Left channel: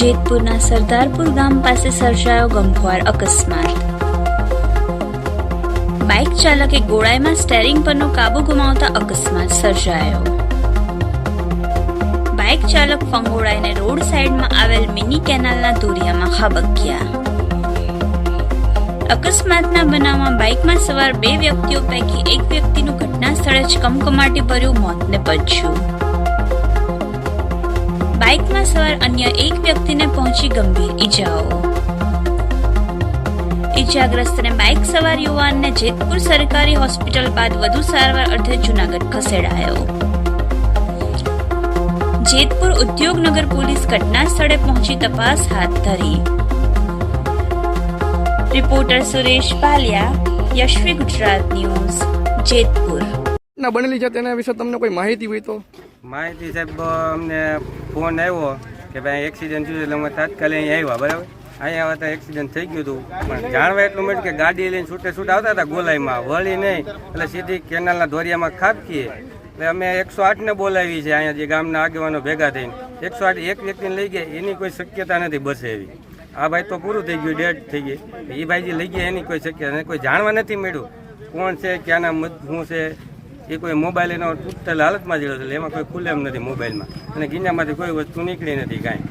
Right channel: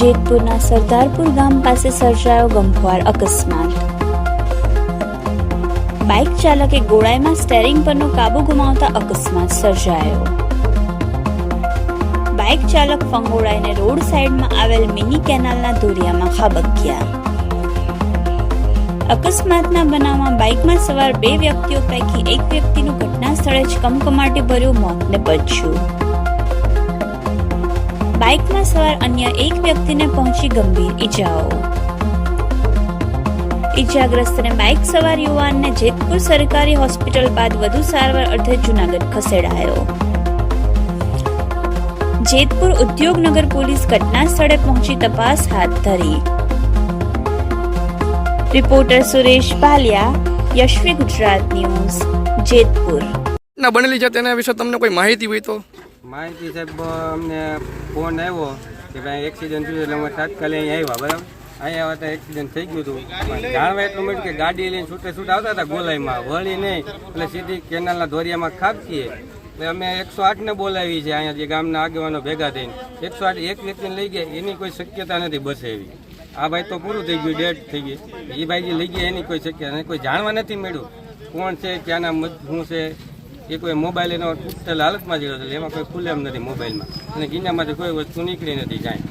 જેતપુરના સરદારપુર ગામ પાસે સર્જાયો ગમખ્વાર અકસ્માત। બાઇક ચાલકે ગોળાઈમાં સ્ટેરિંગ પરનો કાબુ ગુમાવતા અકસ્માત સર્જાયો। બાઇક ચાલક ફંગોળાઈને રોડ સાઈડમાં આવેલ મિની કેનાલના દોરિયામાં ખાબક્યા। અકસ્માતના બનાવમાં બાઇકમાં સવાર 2 વ્યક્તિઓ પૈકી એક વ્યક્તિનું ઘટના સ્થળે જ કમકમાટી ભર્યું મોત નિપજ્યું। બાઇકમાં સવાર અન્ય એક વ્યક્તિને પહોંચી ગંભીર ઈજાઓ। ઈજાગ્રસ્તને બાઇક સવાર યુવાનને જેતપુર સરકારી હોસ્પિટલ બાદ વધુ સારવાર અર્થે જૂનાગઢ ખસેડાયો। જેતપુર ઉદ્યોગનગર પોલીસ ઘટના સ્થળે પહોંચી તપાસ હાથ ધરી। Reporter Suresh Palia, Yashvi Gujarat news, Jetpur. ના બનેલી છે તેના વિશે તમને કોઈ માહિતી હોય તો? માહિતી સાહેબ, અમને ફોન આવ્યો કે ભાઈ એક્સિડન્ટ થયું, એટલે અમે તાત્કાલિક અહીં આવ્યા। બરાબર, અહીંયા આવ્યા તો એક્સિડન્ટ થઈ ગયું હતું। જાણવા એટલું મળ્યું કે ગાડી લઈને છૂટે છૂટ આવતા હતા ગોલાઈમાં, વળી નહીં એટલે સીધી કેનાલના દોરિયામાં ખાબકીએ। એટલે અમે 108ને બોલાવી છે અહીંયા, જે ગામના આગેવાનો ભેગા થઈને 108 એક વ્યક્તિને લઈ ગયા, એની કોઈ શક્યતા નથી બસે એવી। આ ભાઈ તો પૂરું થઈ ગયું, ડેડ થઈ ગઈ। એ ભાઈ જે લઈ ગયા એની કોઈ શક્યતા નથી, કોઈ જાણવા નથી મળ્યું કોણ છે, ક્યાંના શું છે। એ કોઈ મોબાઈલ એનો તૂટેલ હાલતમાં જ રહ્યો, એટલે એમાં કોઈ ખુલ્લે એમ નથી મોબાઈલમાં, અને ગીંજામાંથી કોઈ વસ્તુ નીકળી નથી કાંઈ।